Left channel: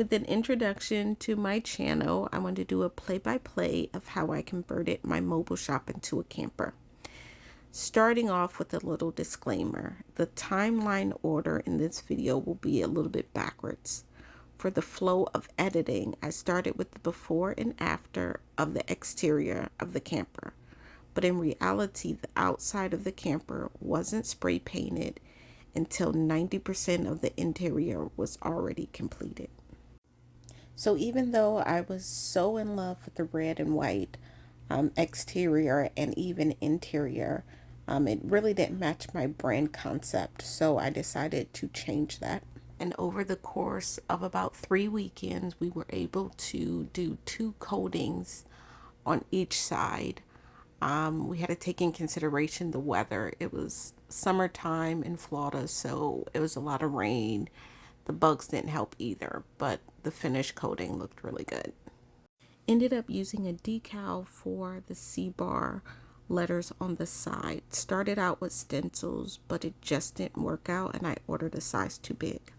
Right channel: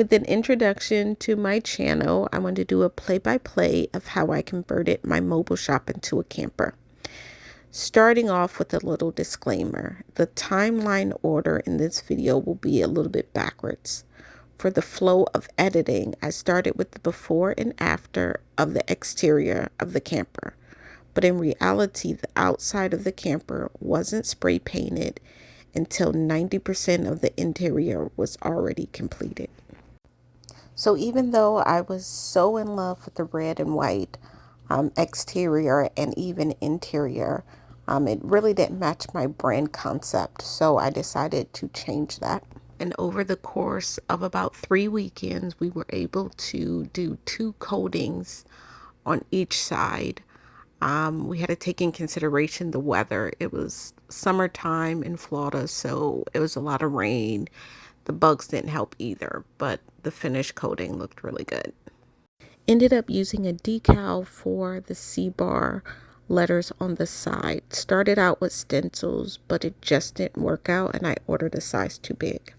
With an introduction to my channel, I want to do a play-by-play of how I converted my mobile shop into a camper. Starting off with a little disclaimer, the timeline order in this video will be a little bit backwards. For the flow of editing, I started with the before and after of the exterior of the camper. But in reality, the outside of the camper wasn't spray painted until 90% of the interior was already completed. So even though I was so in love with the red and white exterior and even interior, it really didn't match my brand concept. So I decided to change that. And over the course of about 3 weekends, we were able to do 2 coatings on each side. We had to take in consideration the weather. It was summertime in Florida, so it was a lot of rain. The bugs didn't help either, but the finish coating looked really good. Ended up using a decal for the C-bar letters on the side. Started out with stencils, but it just didn't work out and I ordered a size too big.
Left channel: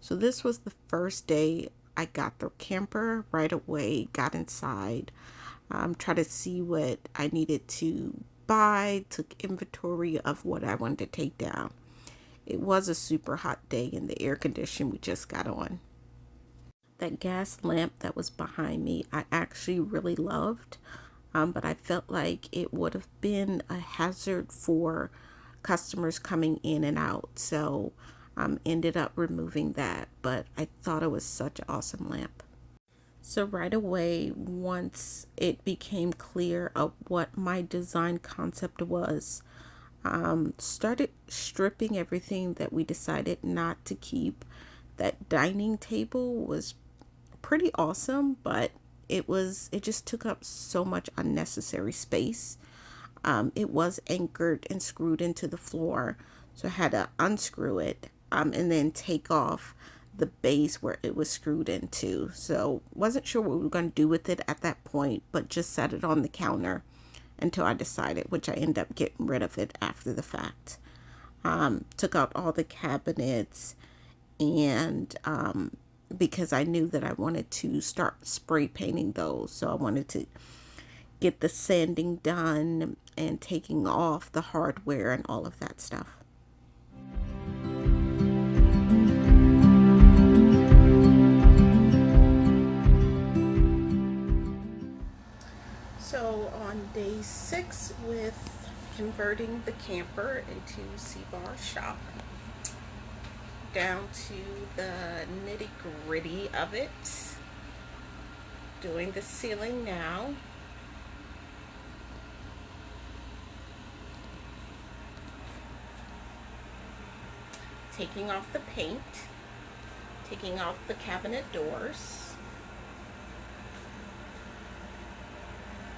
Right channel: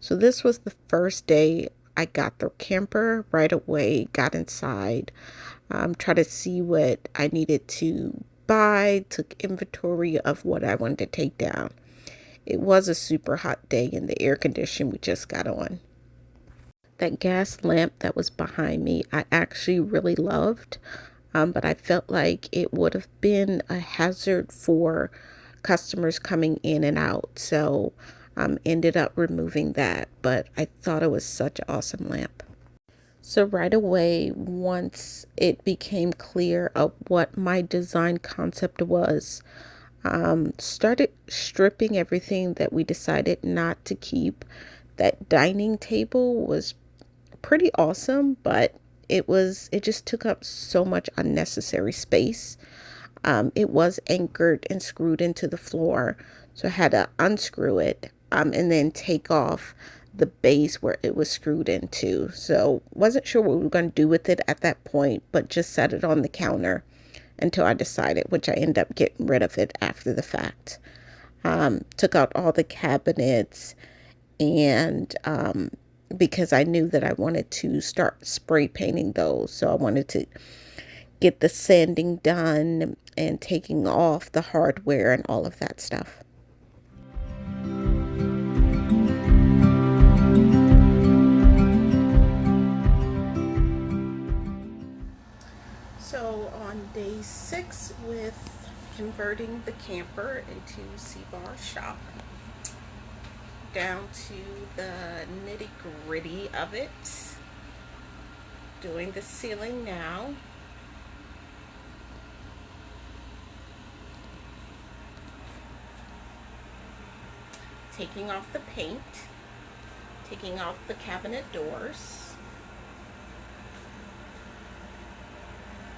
So this was the first day I got the camper. Right away, got inside, tried to see what I needed to buy, took inventory of what I wanted to take down. It was a super hot day and the air conditioning we just got on. That gas lamp that was behind me, I actually really loved, but I felt like it would have been a hazard for customers coming in and out. So ended up removing that, but I thought it was such an awesome lamp. So right away, once it became clear of what my design concept was, started stripping everything that we decided not to keep. That dining table was pretty awesome, but it just took up so much unnecessary space. It was anchored and screwed into the floor, so I had to unscrew it and then take off the base where it was screwed into. So wasn't sure what we were going to do with it at that point, but just set it on the counter until I decided, which I ended up getting rid of it after the fact. Took out all the cabinets and because I knew that I wanted to start spray painting those. So I wanted to get the sanding done and taking off the hardware and all of that stuff. So on day 6 with converting the camper into C-bar shop, down to the nitty-gritty of it, doing the ceiling now. Taking off the paint, taking off the cabinet doors,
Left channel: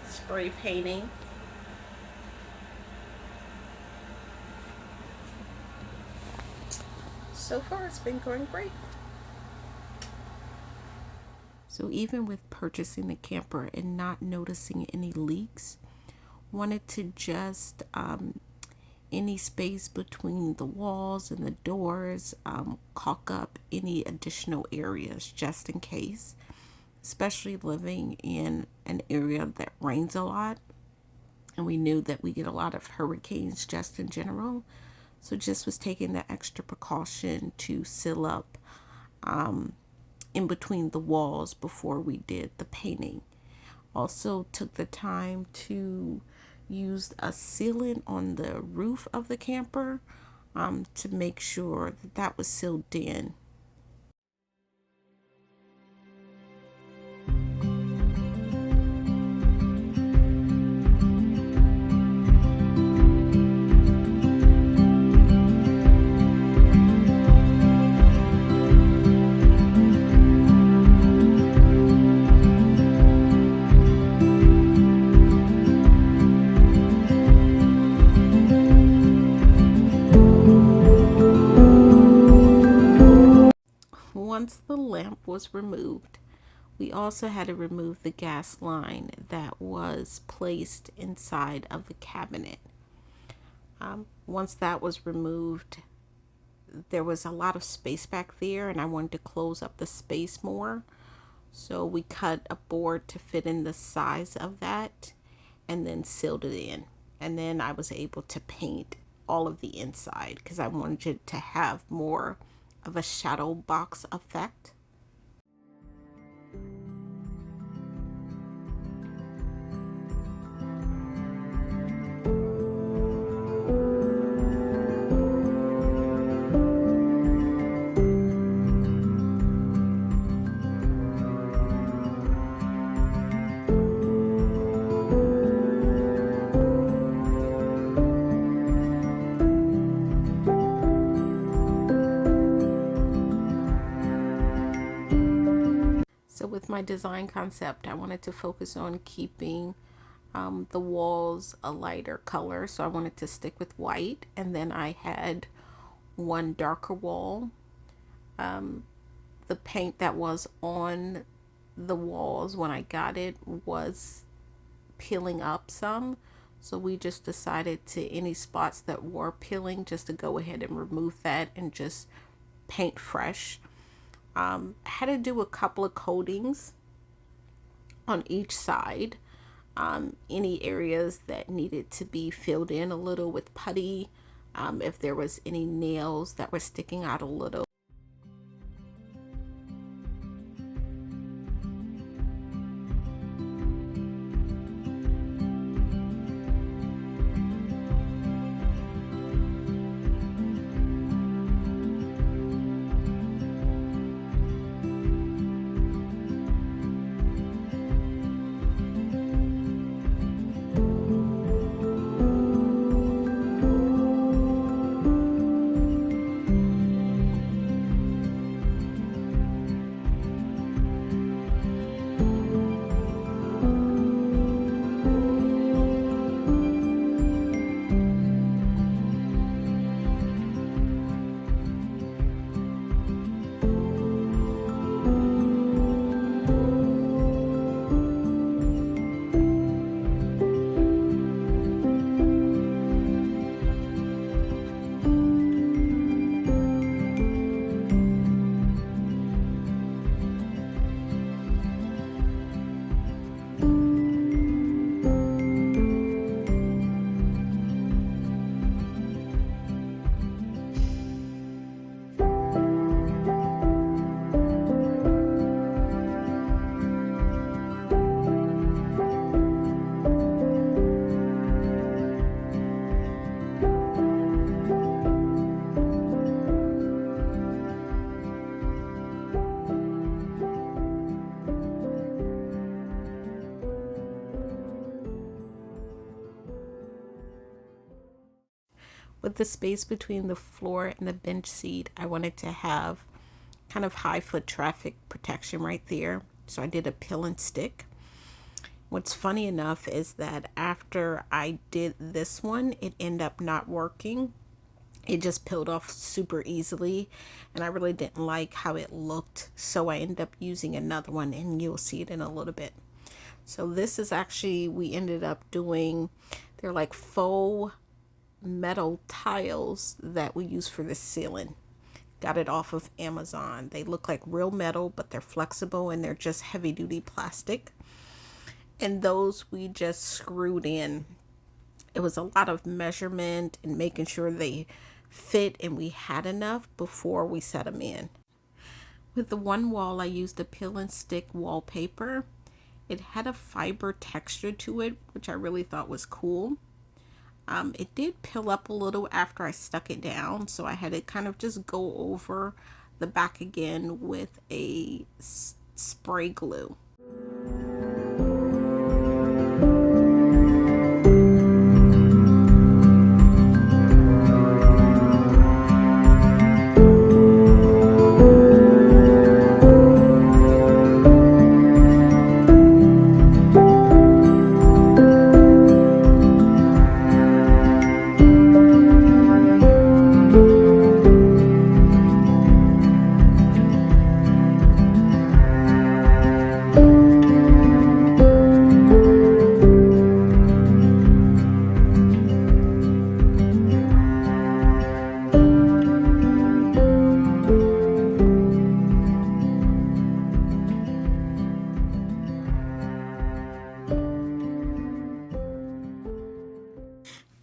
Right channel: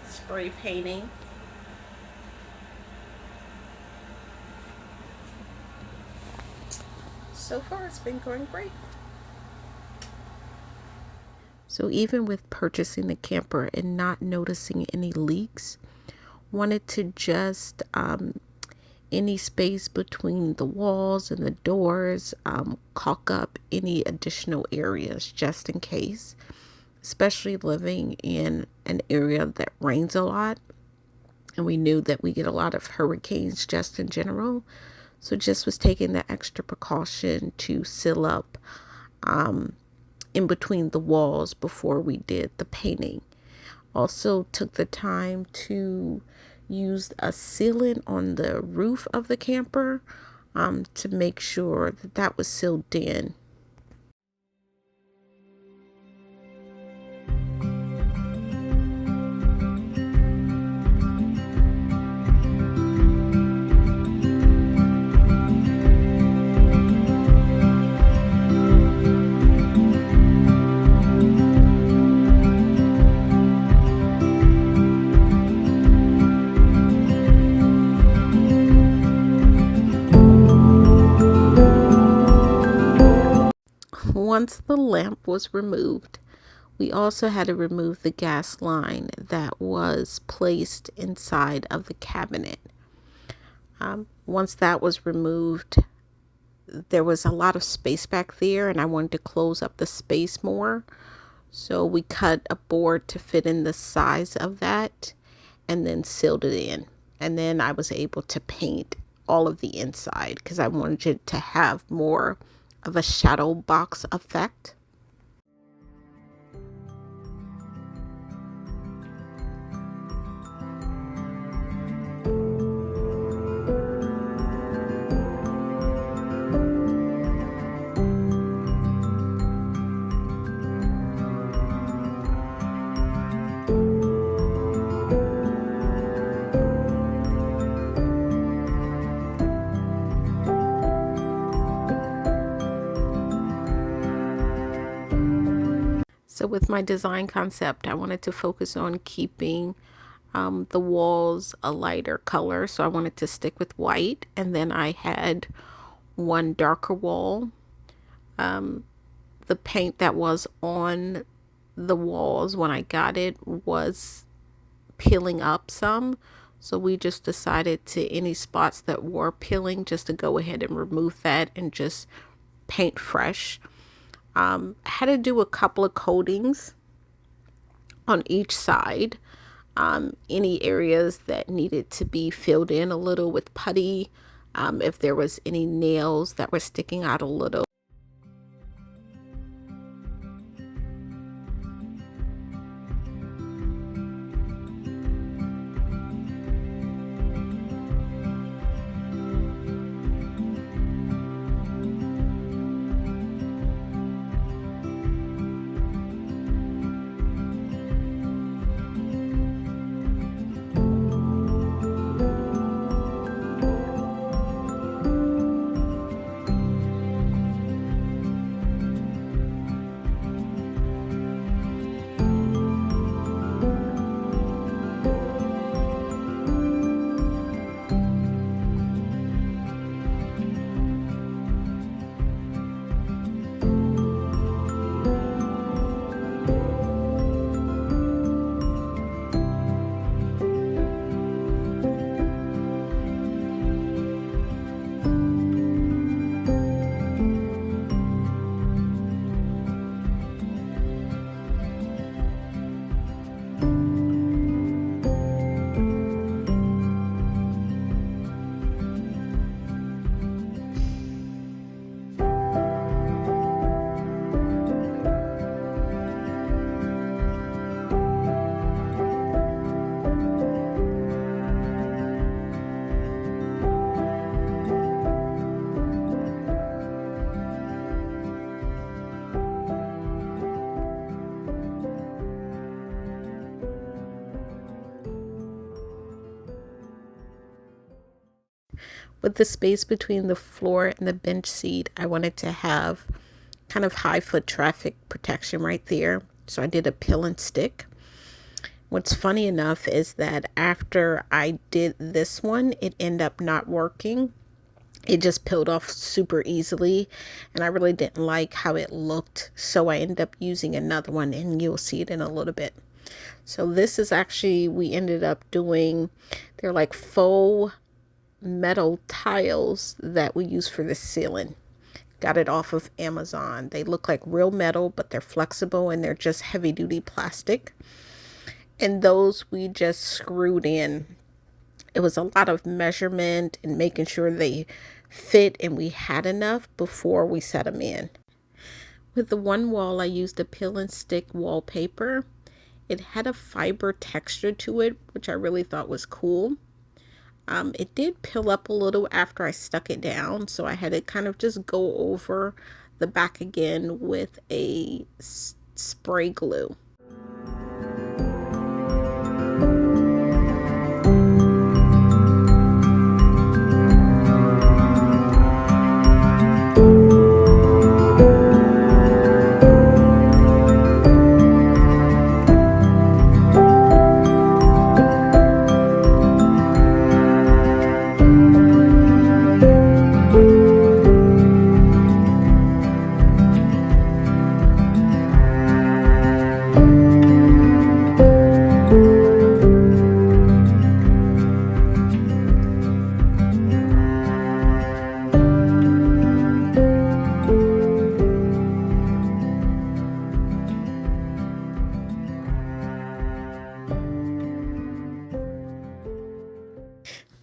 spray painting, so far it's been going great. So even with purchasing the camper and not noticing any leaks, wanted to just any space between the walls and the doors, caulk up any additional areas just in case, especially living in an area that rains a lot, and we knew that we get a lot of hurricanes just in general. So just was taking the extra precaution to seal up in between the walls before we did the painting. Also took the time to use a sealant on the roof of the camper to make sure that that was sealed in. Once the lamp was removed, we also had to remove the gas line that was placed inside of the cabinet. Once that was removed, there was a lot of space back there and I wanted to close up the space more. So we cut a board to fit in the size of that and then sealed it in. And then I was able to paint all of the inside because I wanted it to have more of a shadow box effect. So with my design concept, I wanted to focus on keeping the walls a lighter color. So I wanted to stick with white. And then I had one darker wall. The paint that was on the walls when I got it was peeling up some. So we just decided to any spots that were peeling just to go ahead and remove that and just paint fresh. I had to do a couple of coatings on each side. Any areas that needed to be filled in a little with putty, if there was any nails that were sticking out a little. With the space between the floor and the bench seat, I wanted to have kind of high foot traffic protection right there. So I did a peel and stick. What's funny enough is that after I did this one, it ended up not working. It just peeled off super easily and I really didn't like how it looked. So I ended up using another one and you'll see it in a little bit. So this is actually, we ended up doing, they're like faux metal tiles that we use for the ceiling. Got it off of Amazon. They look like real metal, but they're flexible and they're just heavy duty plastic. And those we just screwed in. It was a lot of measurement and making sure they fit and we had enough before we set them in. With the one wall, I used a peel and stick wallpaper. It had a fiber texture to it, which I really thought was cool. It did peel up a little after I stuck it down, so I had to kind of just go over the back again with a spray glue.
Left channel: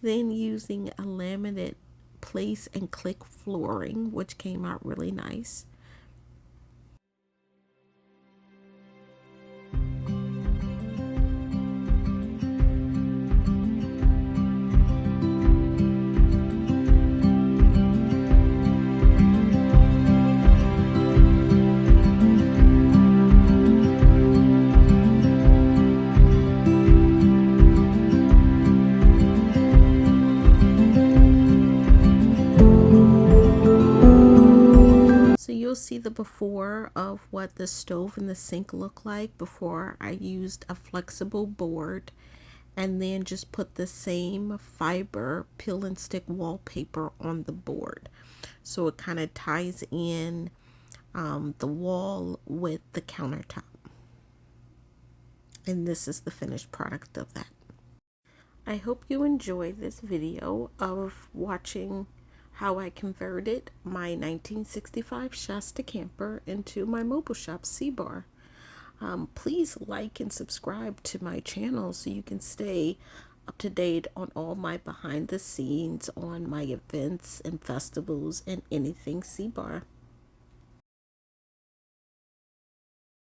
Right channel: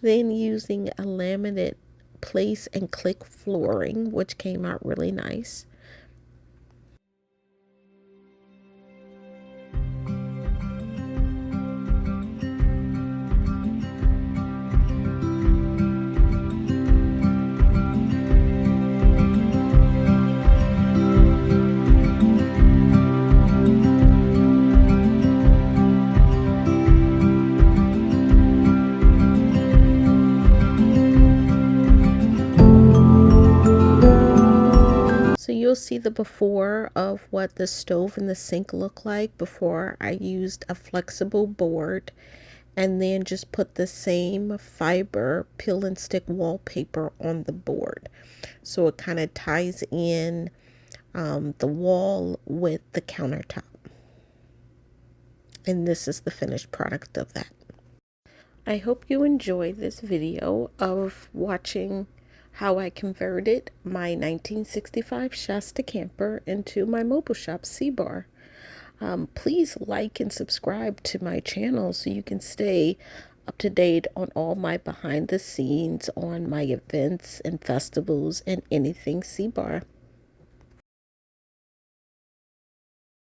then using a laminate place and click flooring, which came out really nice. So you'll see the before of what the stove and the sink look like before I used a flexible board and then just put the same fiber peel and stick wallpaper on the board. So it kind of ties in the wall with the countertop. And this is the finished product of that. I hope you enjoy this video of watching how I converted my 1965 Shasta Camper into my mobile shop C-Bar. Please like and subscribe to my channel so you can stay up to date on all my behind the scenes on my events and festivals and anything C-Bar.